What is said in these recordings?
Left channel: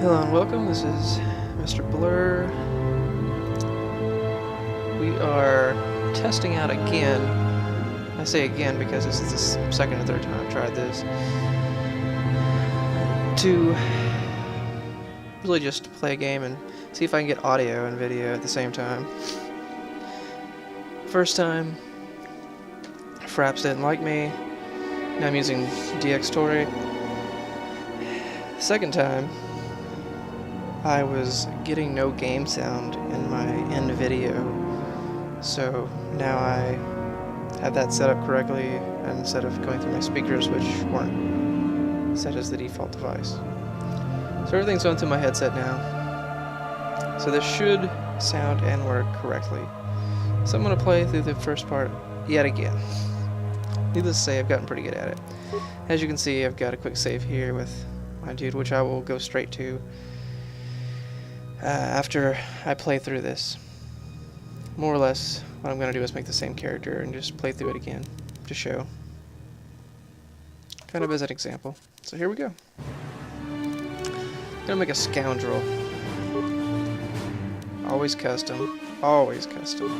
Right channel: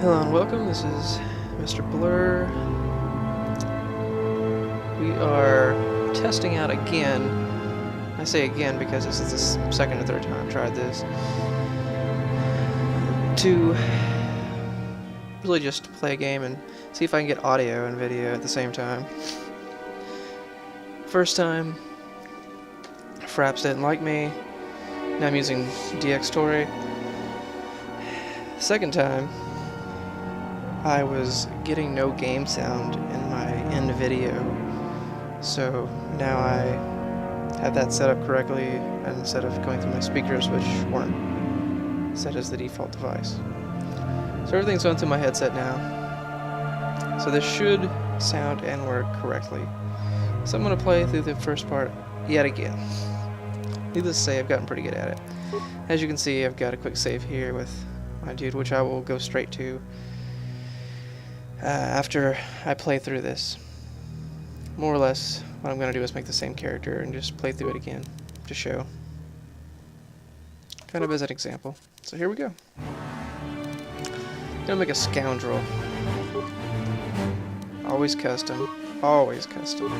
Hello and welcome, this is Mrblurr. We are testing out again. I say again because this is the second or third time I've tried this. To really just play a game and see if I can get audio and video at the same time. First time, Fraps didn't like me. Now I'm using DXtory. Second time, I was getting no game sound in my end video, so now I have that set up correctly instead of going through my speakers, which weren't set as the default device. So everything's going through my headset now, so this should sound and work correctly. So I'm going to play through the first part yet again. Needless to say, I've gotten pretty good at it. As you can see, I've got a quick save here with my dude, which I will go straight to after I play through this. More or less, what I'm going to do is make the same character and just play through it again to show. Kind of as an example. So here we go. I'm going to make a scoundrel. Always custom. Always custom.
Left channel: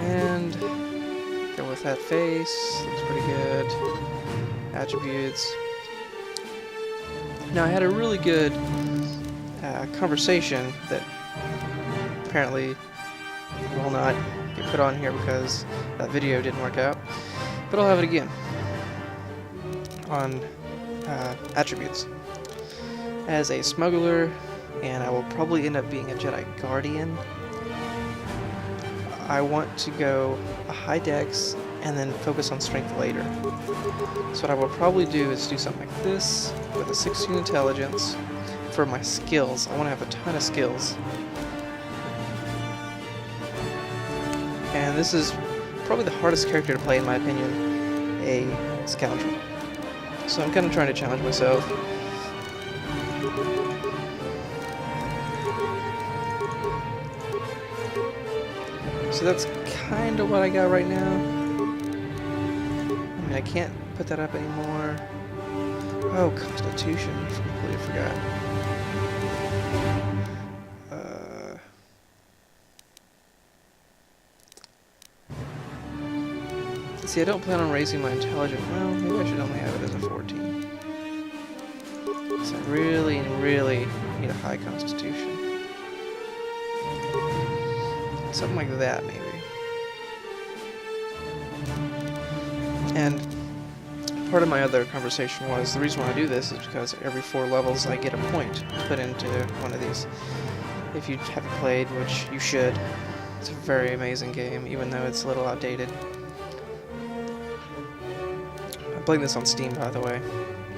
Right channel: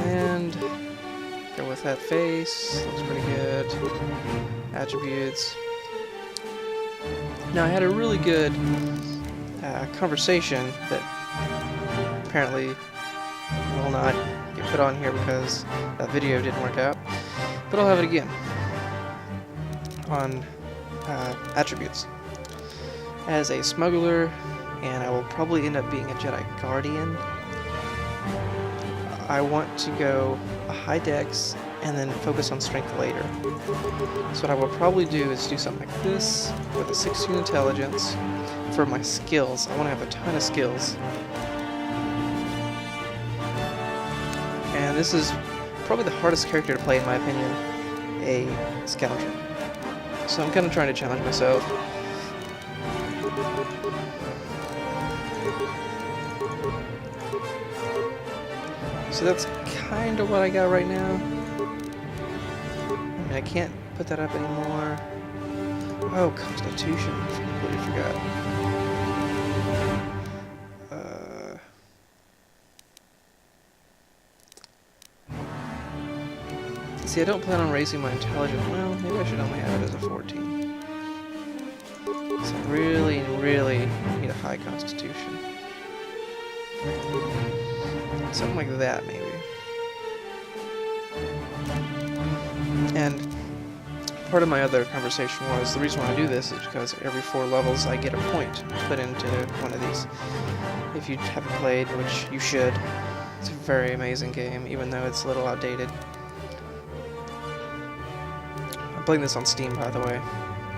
And go with that face. Looks pretty good. Attributes. Now I had a really good conversation that apparently will not get put on here because that video didn't work out, but I'll have it again on attributes. As a smuggler, and I will probably end up being a Jedi Guardian, I want to go a high dex and then focus on strength later. So what I will probably do is do something like this with a 16 intelligence. For my skills, I want to have a ton of skills. And this is probably the hardest character to play in my opinion, a scoundrel. So I'm kind of trying to challenge myself. So that's kind of what I got right now. I mean, I can't put that up anymore. Oh, Constitution. Completely forgot. See, I don't plan on raising my intelligence. Well, maybe I should only have it as a 14. Because I really, really need a high Constitution. Something like that, maybe. And part of my other conversation was, the reason why I do this is because every 4 levels I get a point to put into one of these. If you haven't played, which you should, it's a very amazing game, even though it's a little outdated. I'm playing this on Steam, by the way,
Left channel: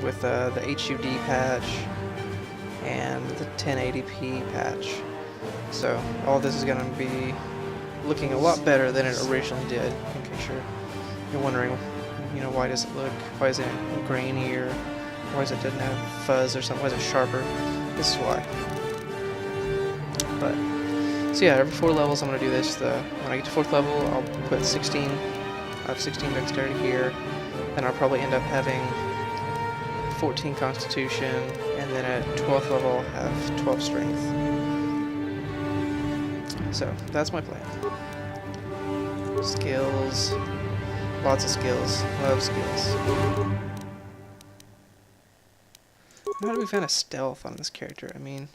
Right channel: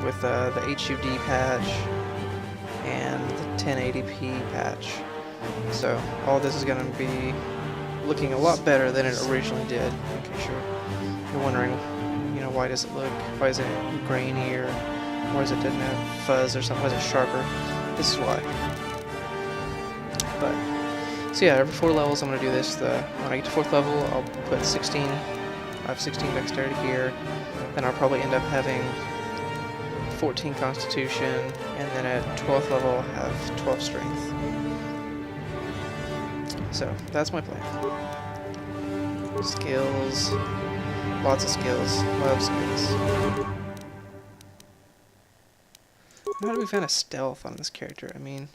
with the HUD patch and the 1080p patch. So all this is going to be looking a lot better than it originally did, in case you're wondering, you know, why does it grainy, or why does it didn't have fuzz or something, why is it sharper? This is why. But, so yeah, every 4 levels I'm going to do this. When I get to 4th level, I'll put 16, I have 16 dexterity here, then I'll probably end up having 14 constitution, and then at 12th level I'll have 12 strength. So, that's my plan. Skills. Lots of skills. Love skills. How do we find a stealth on this character? I mean,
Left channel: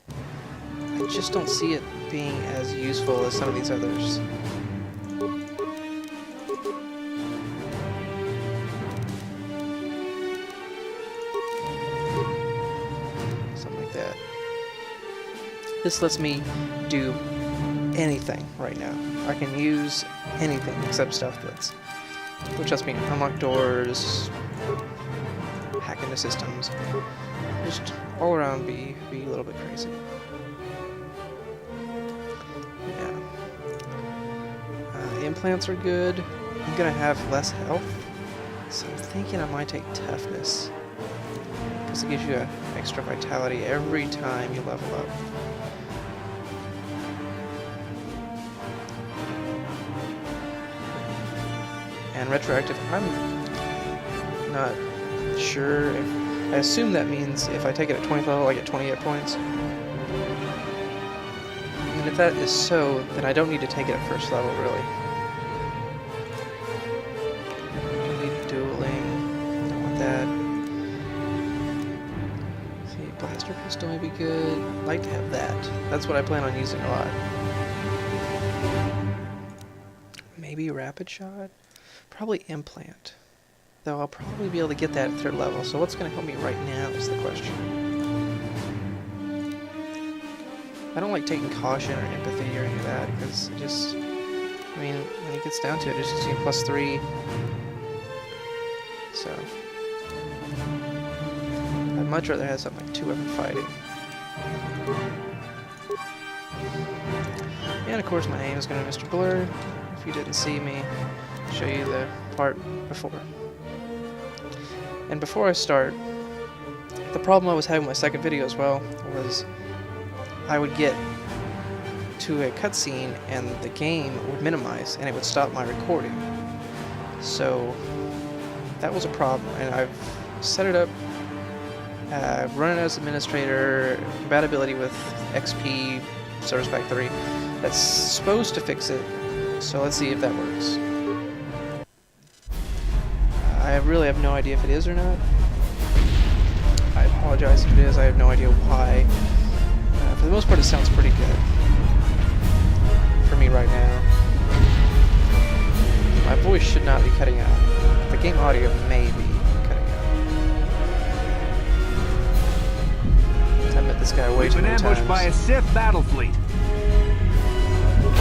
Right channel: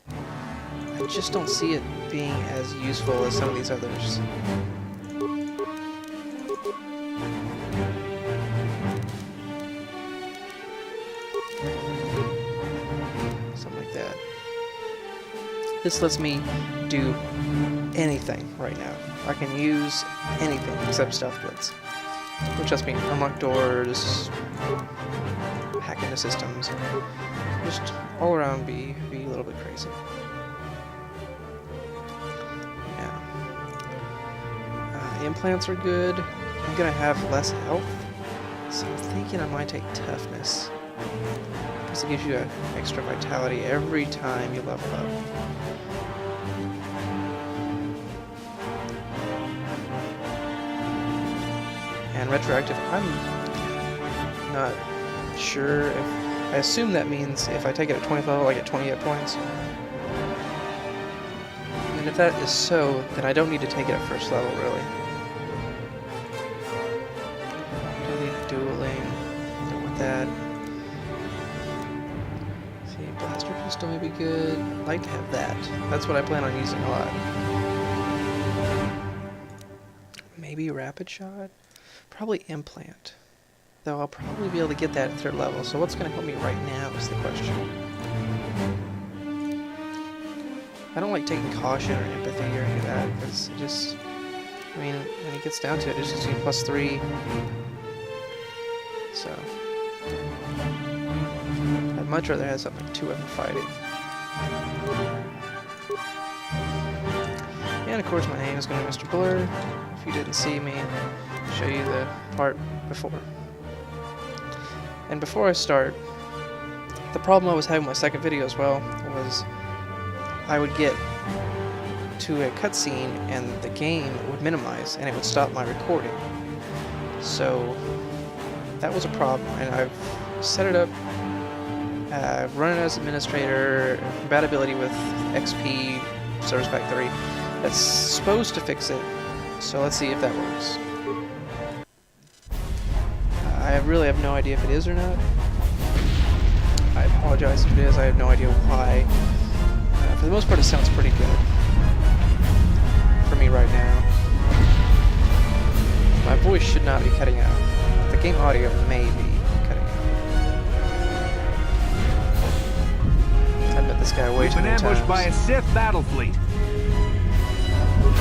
I just don't see it being as useful as some of these others. Something like that. This lets me do anything right now. I can use anything except stealth builds, which lets me unlock doors, hack into systems, just all around be a little bit crazy. Yeah. Implants are good. I'm gonna have less health, so I'm thinking I might take toughness, because it gives you an extra vitality every time you level up. And retroactive, I'm not sure if I assume that means if I take it at 20th level, I get 20 hit points. And if that is so, then I don't need to take it at first level, really. Don't need dueling. Don't want that. See, blaster pistol may be good. I'd like to have that. That's what I plan on using a lot. Maybe rapid shot? Probably implant. Though I'll probably be able to get that at 3rd level, so what's going to help me right now is the question. I don't like taking caution or empathy or any of that, because it just... I mean, when it gets down to it, it just gives me +3. So... I'd much rather have something like 2 of them fighting. And of course my name is going to be Mrblurr. If you didn't see me, I'll show you the part before. And before I start, the problem I was having with my second video as well was I would get to a cutscene and the game would minimize and it would stop my recording. So that was a problem, and I've set it up, run it as administrator, compatibility with XP Service Pack 3. That's supposed to fix it, so let's see if that works. I really have no idea if it is or not. I apologize if it is, I have no idea why. For the most part, it sounds pretty good for me right now. My voice should not be cutting out. The game audio may be cutting out. I've met this guy way too many times. We've been ambushed by a Sith battle fleet.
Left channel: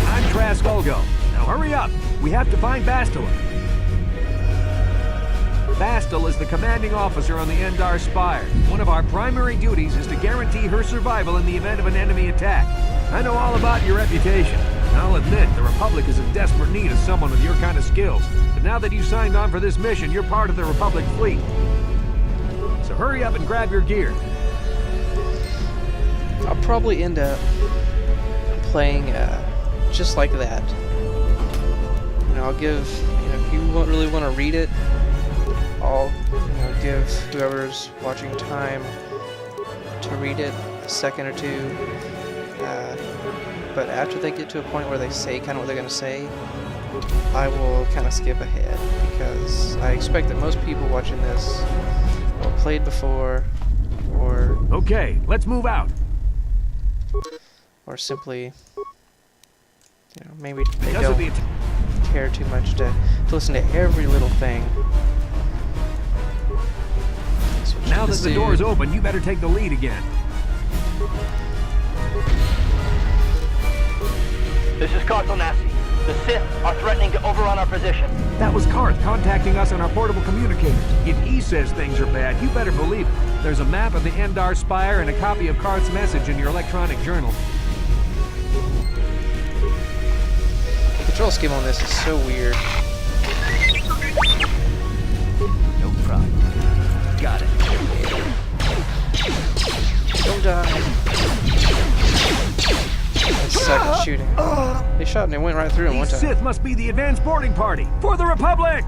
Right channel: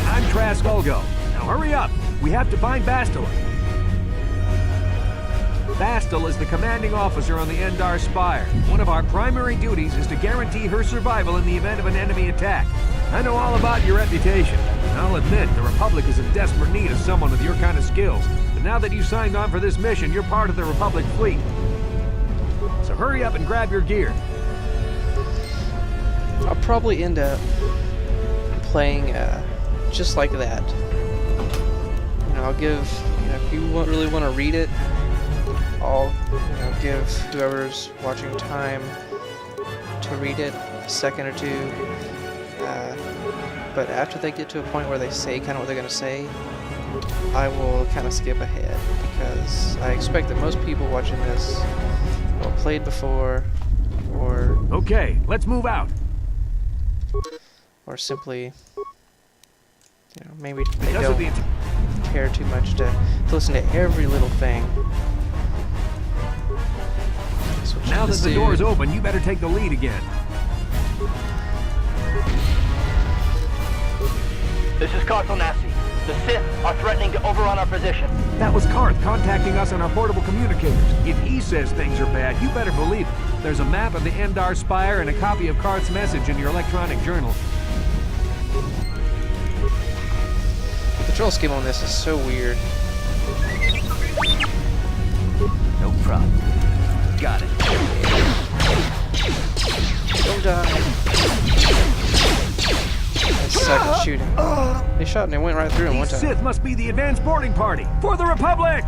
I'm Trask Ulgo. Now hurry up. We have to find Bastila. Bastila is the commanding officer on the Endar Spire. One of our primary duties is to guarantee her survival in the event of an enemy attack. I know all about your reputation, and I'll admit the Republic is in desperate need of someone with your kind of skills. But now that you signed on for this mission, you're part of the Republic fleet. So hurry up and grab your gear. I'll probably end up playing just like that. You know, I'll give, if you really want to read it, I'll, give whoever's watching time to read it a second or two. But after they get to a point where they say kind of what they're going to say, I will kind of skip ahead, because I expect that most people watching this will have played before, or... Okay, let's move out. Or simply, maybe they don't care too much to listen to every little thing. Now that the door is open, you better take the lead again. This is Carthel Nassi. The Sith are threatening to overrun our position. That was Karth contacting us on our portable communicators. If he says things are bad, you better believe it. There's a map of the Endar Spire and a copy of Karth's message in your electronic journal. The control scheme on this is so weird. No problem. Got it. Don't die. They suck at shooting. They shot and it went right through him one time. These Sith must be the advanced boarding party for the Republic!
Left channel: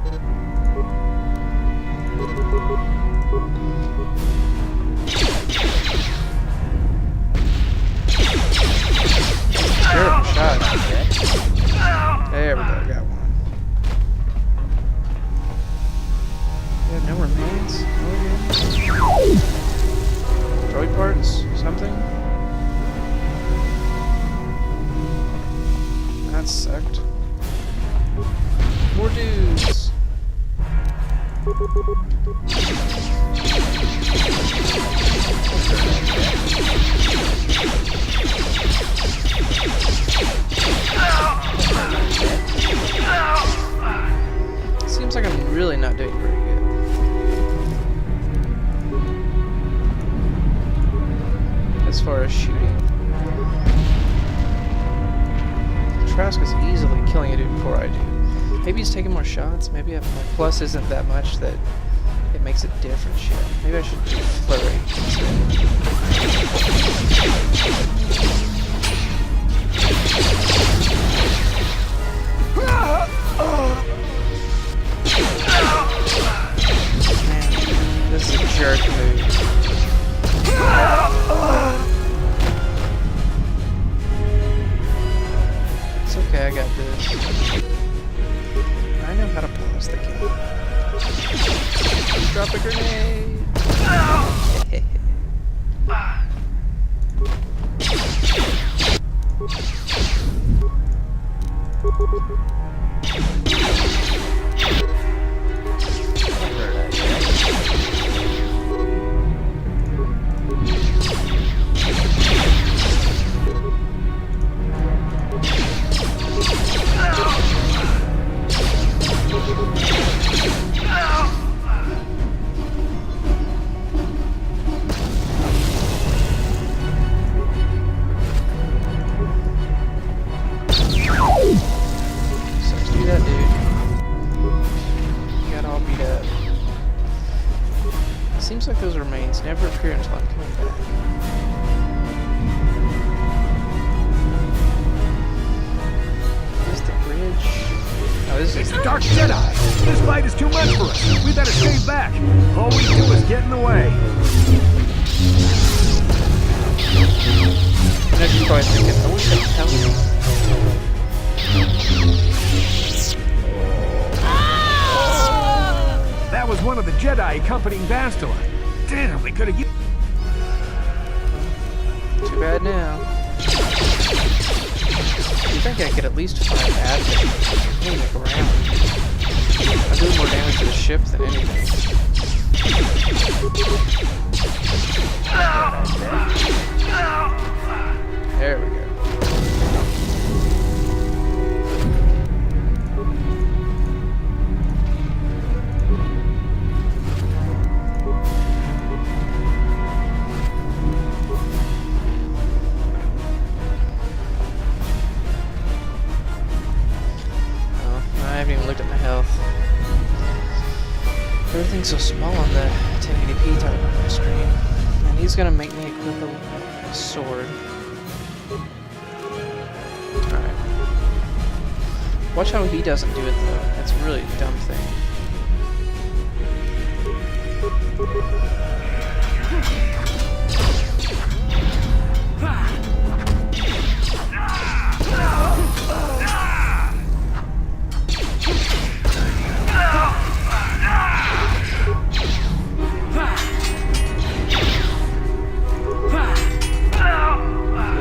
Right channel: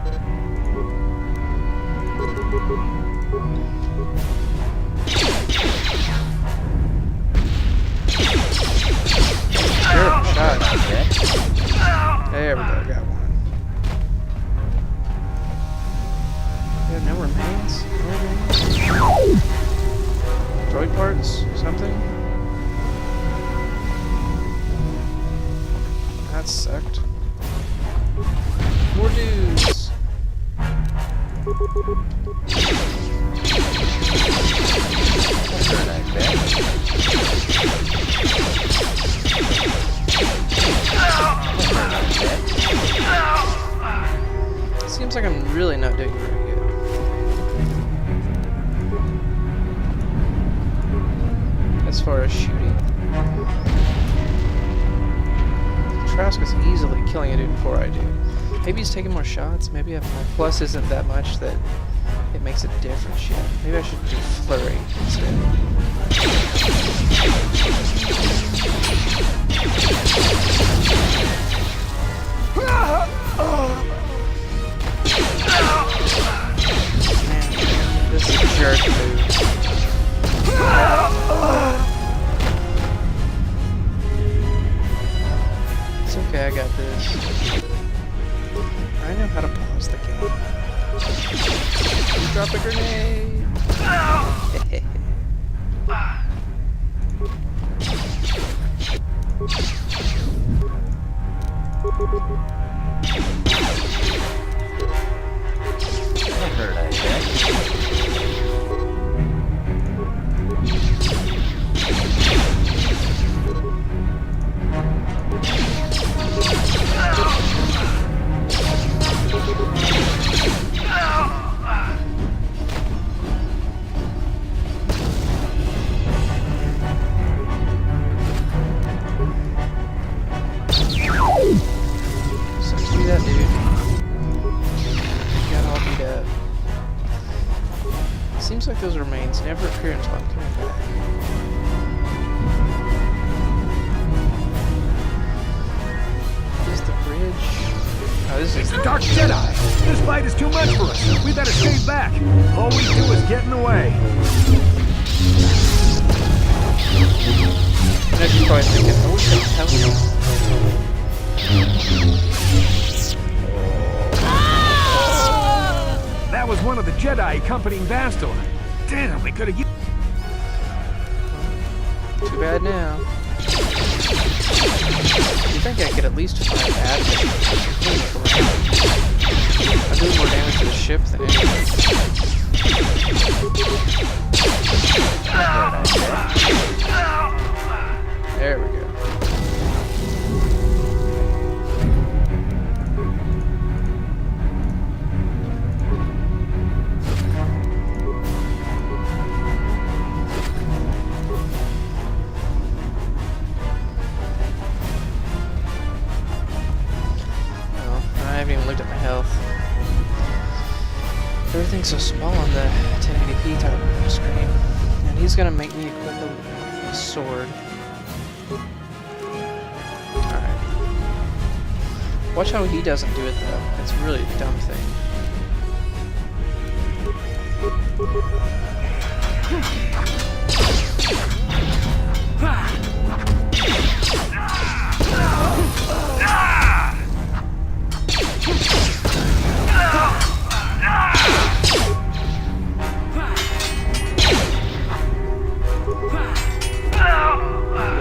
Sure, shot. There we go, got one. You have no remains? No remains? Droid parts? Something? That sucked. More dudes! Seems like I'm really not doing very good. As far as shooting. Trask is easily killing a dude before I do. Maybe he's taking more shots. Maybe my plus isn't that much that it makes a difference yet. Maybe I should do flurry instead. Man, this is a jerk move. Yeah, I got this. I know how to pause the game. Drop a grenade! That hurt, I guess. Sucks to be that dude. You got all beat up. Seems like those remains never appear until I'm coming back. Here's the bridge. Oh, this is The Dark Jedi! This fight is too much for us. We better stay back. All we do is get in the way. I know you're probably thinking, I wish I could tell you. That was one of the Jedi accompanying Bastila. Damn, we could have used... Too bad now. You think I could at least find admin? Look around. I do more damage to the ship than anything. There we go. I haven't even looked at my health. Everything's so small on the 1080p type screen. And he's gonna make me equip a sword. Alright. Watch how he doesn't do it though. It's really a dumb thing.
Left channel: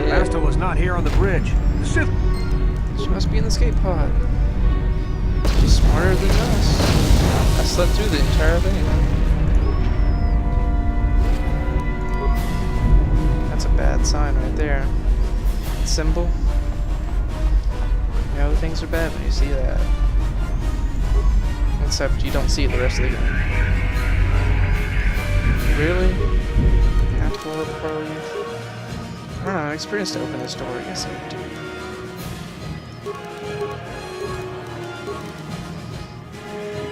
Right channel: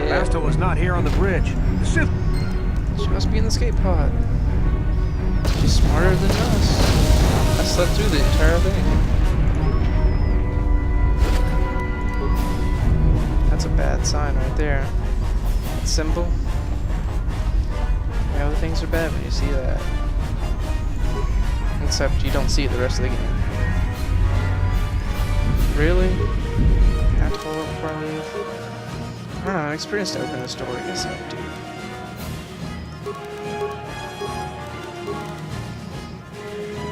Bastila's not here on the bridge. The Sith... She must be in the escape pod. She's smarter than us. I slept through the entire thing. That's a bad sign right there. That symbol. You know, things are bad when you see that. Except you don't see it the rest of the game. Really? Have to pull up before I leave? I don't know, I'm experienced to open this door. Yes, I do.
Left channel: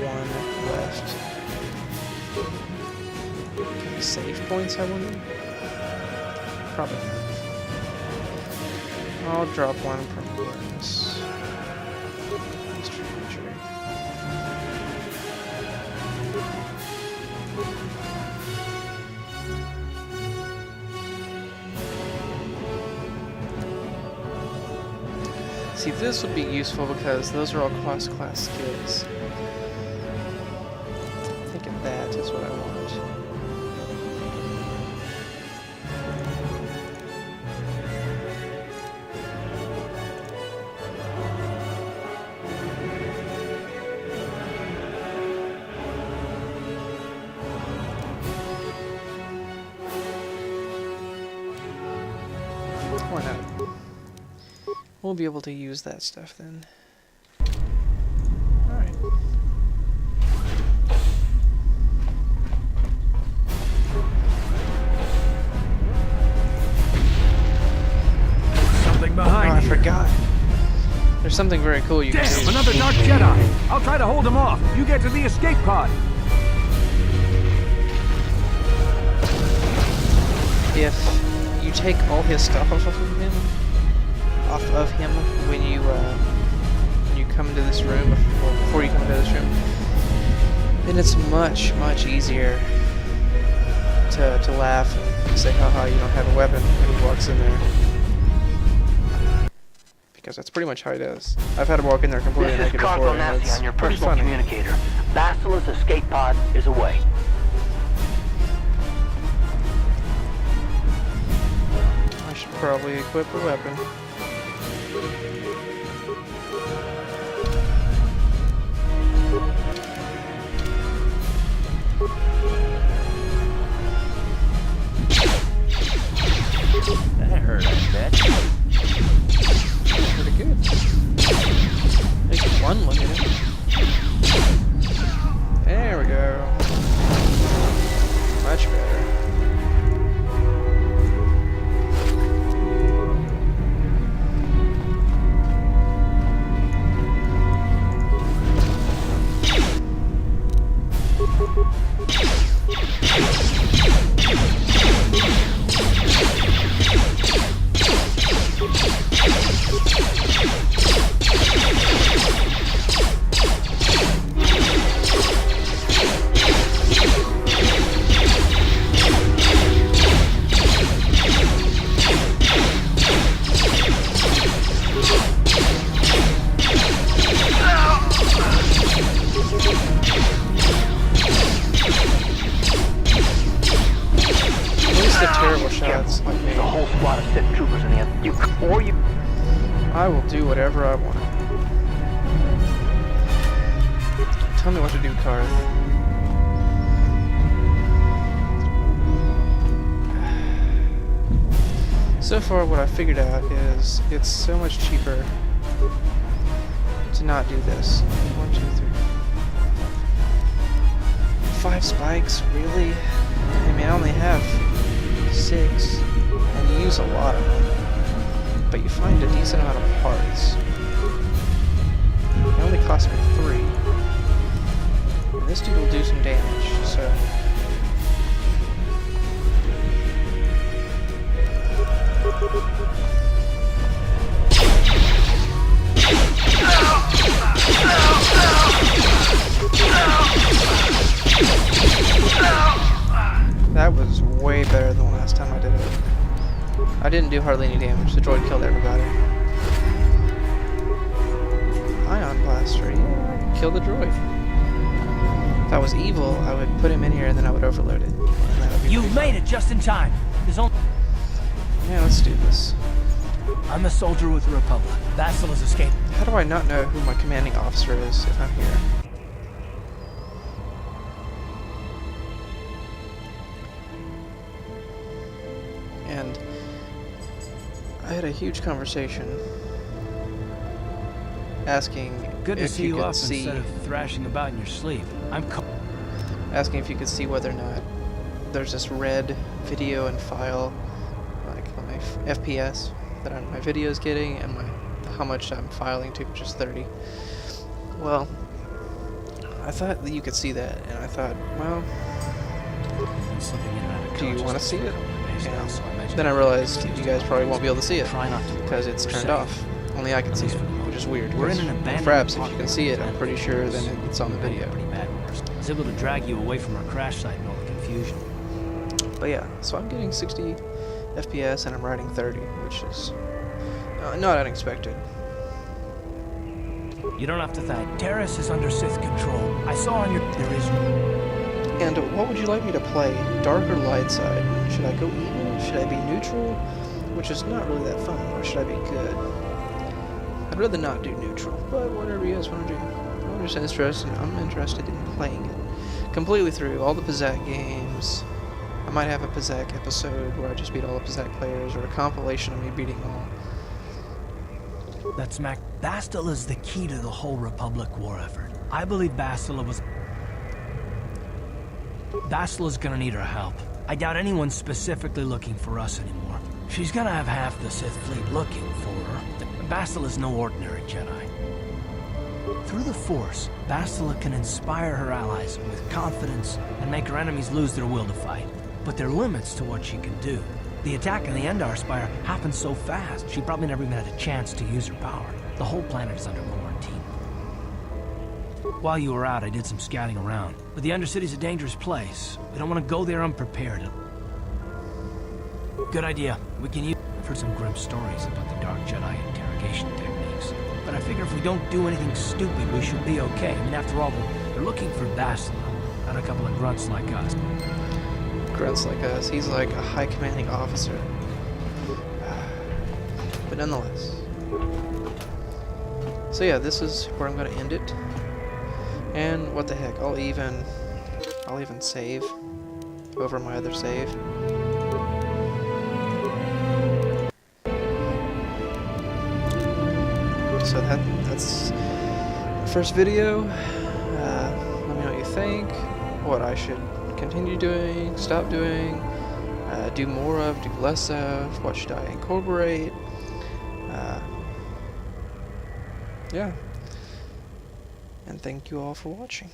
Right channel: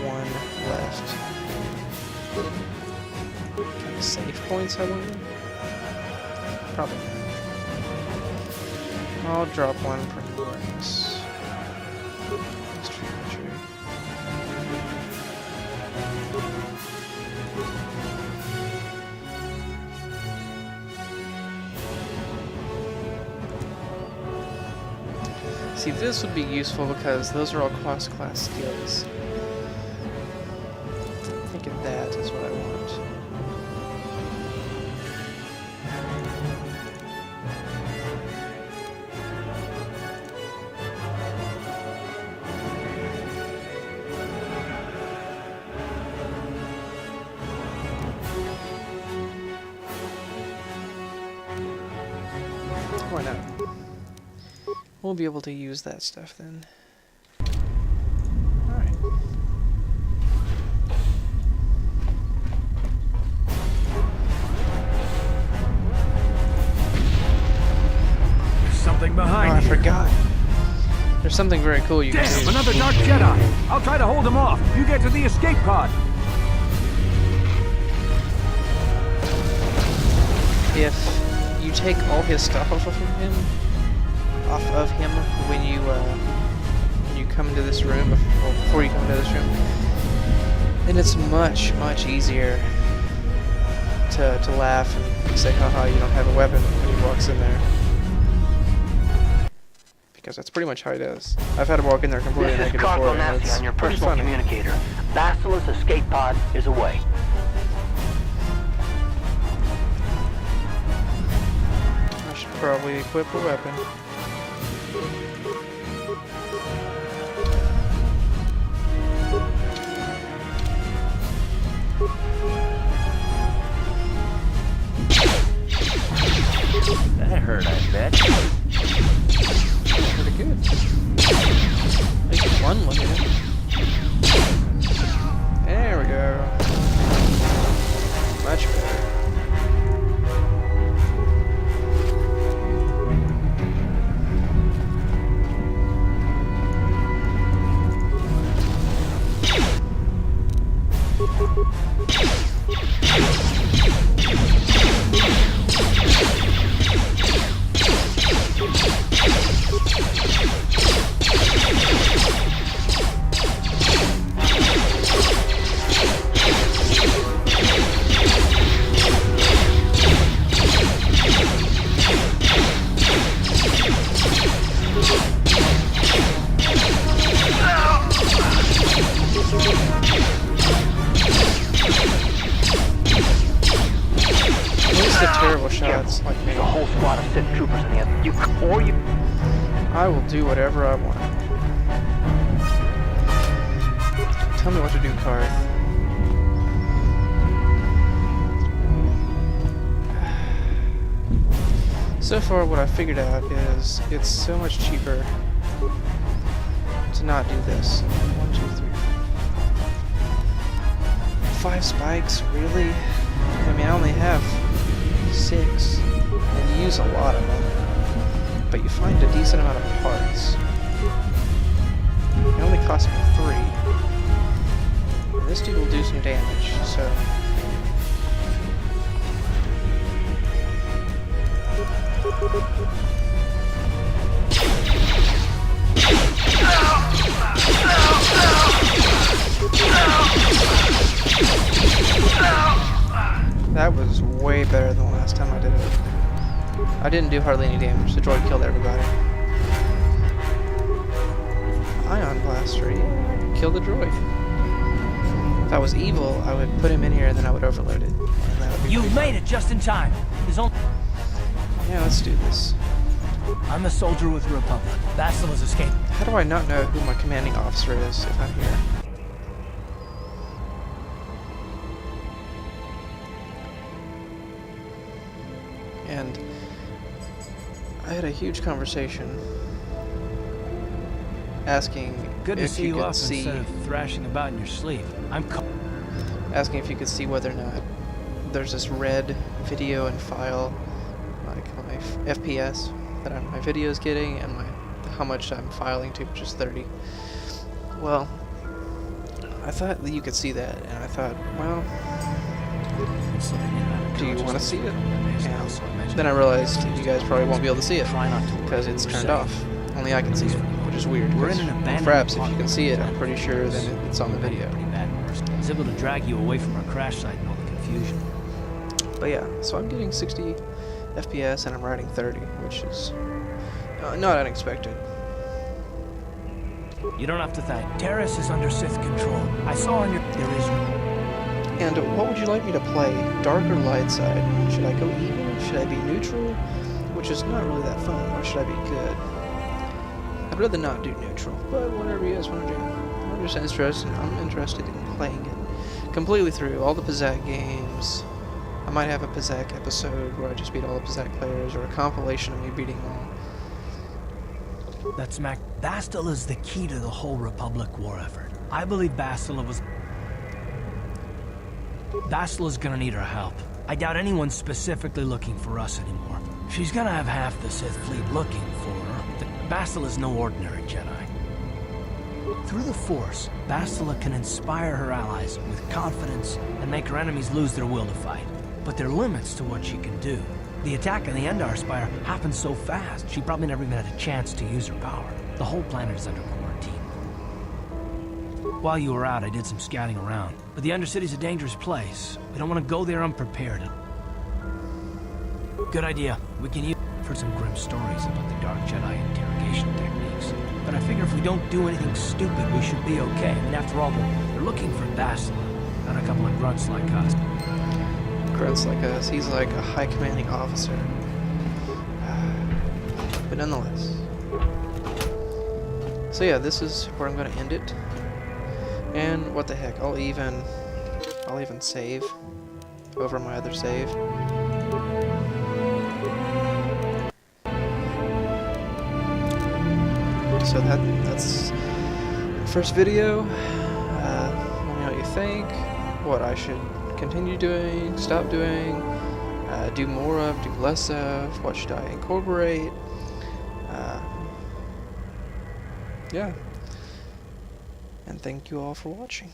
One left. Can I save points, I wonder? Probably not. I'll drop one from awareness. History entry. See, this would be useful because those are all cross-class skills. I think of that is what I want. Why not? We'll be able to use that stuff then. Alright. Something behind Oh, I you. forgot. There's something very cool you can Damn, do. another Dark Jedi. I'll try to hold him off. You get to the escape pod. If you take all his stuff off of him, when you come into this room, before you come into this room, then it's much easier to laugh and say, haha, you don't have a weapon when he walks in there. because that's pretty much how it is. I've had to walk in there completely This is naked before, Consul and Nasty it's on your pretty personal funny. communicator. Bastila's escape pod is away. I should probably equip a weapon. That hurt, I bet. Pretty good. At least one look at it. There we go. Much better. Terrible shots like me. There's a whole squad of Sith troopers in the I will do whatever I want. Tell me what to do, Karth. So far, what I figured out is it's so much cheaper to not do this. 1, 2, 3, 4, 5 spikes, really? I mean, I only have 6, and you use a lot of them, but you find a decent amount of parts. It only cost me 3, and this dude will do some damage, so... That was way better than the last time I did it. I didn't do hardly any damage. The droid killed everybody. Ion Blaster, yeah, I could kill the droid. If I was evil, I would put him in here and then I would overload it. And that would be You've made it just in time. There's only... Yeah, let's do this. I'm a soldier with the Republic. Bastila has escaped. How do I not know who my commanding officer is if I'm here? And I had a huge conversation asking Good to if see you you could up see, instead of thrashing about in your sleep. asking if you could see whether or not there's this red video and file, like my FPS that my video is getting, and how much I'm filing to, which is 30. Well, I thought that you could see that, and I thought, well, do you want to see it? And then I realized you guys probably won't be able to see it because it's turned off. Only I can see it, which is weird. We're in an abandoned Perhaps if you can see it, I'm pretty sure then it's on the video. Pretty bad ones. I was able to drag you away from our crash site and all the confusion. But yeah, so I'm getting 60 FPS and I'm riding 30, which is not unexpected. You don't have to thank. Terrace is under Sith control. I saw on your... There is... And what would you like me to play? Dark or light side? Should I go evil? Should I be neutral? Which is not really that fun. Or should I be good? I'd rather not do neutral, but whatever you guys want to do. I'm just interested. I'm interested in playing it completely through all the Pazaak games. I might have a Pazaak episode where I just beat all the Pazaak players, or a compilation of me beating all. That's Mac. Bastila is the key to the whole Republic war effort. I believe Bastila's gonna need our help. I doubt anyone's specifically looking for us anymore. She's gonna have half the Sith fleet looking for her. Bastila's no ordinary Jedi. Through the Force, Bastila can inspire her allies with confidence and make her enemies lose their will to fight. But there are limits to what she can do. The attack on the Endar Spire happened so fast, she probably never even had a chance to use her power. The whole planet is under quarantine. While you were out, I did some scouting around. But the Undercity's a dangerous place. We don't want to go there unprepared. Good idea. We can use... I've heard some grim stories about the Dark Jedi interrogation technique. But I figure if we don't do anything stupid, we should be okay. I mean, after all, they're looking for Bastila, not a couple of grunts like us. Grunts like us. He's like a high commanding officer. But nonetheless. So yeah, this is where I'm going to end it. And what the heck, I'll even save over my other save. So that's the first video. Let me know what you think, what I should continue doing, stop doing, do more of, do less of, what should I incorporate. Yeah. And thank you all for watching.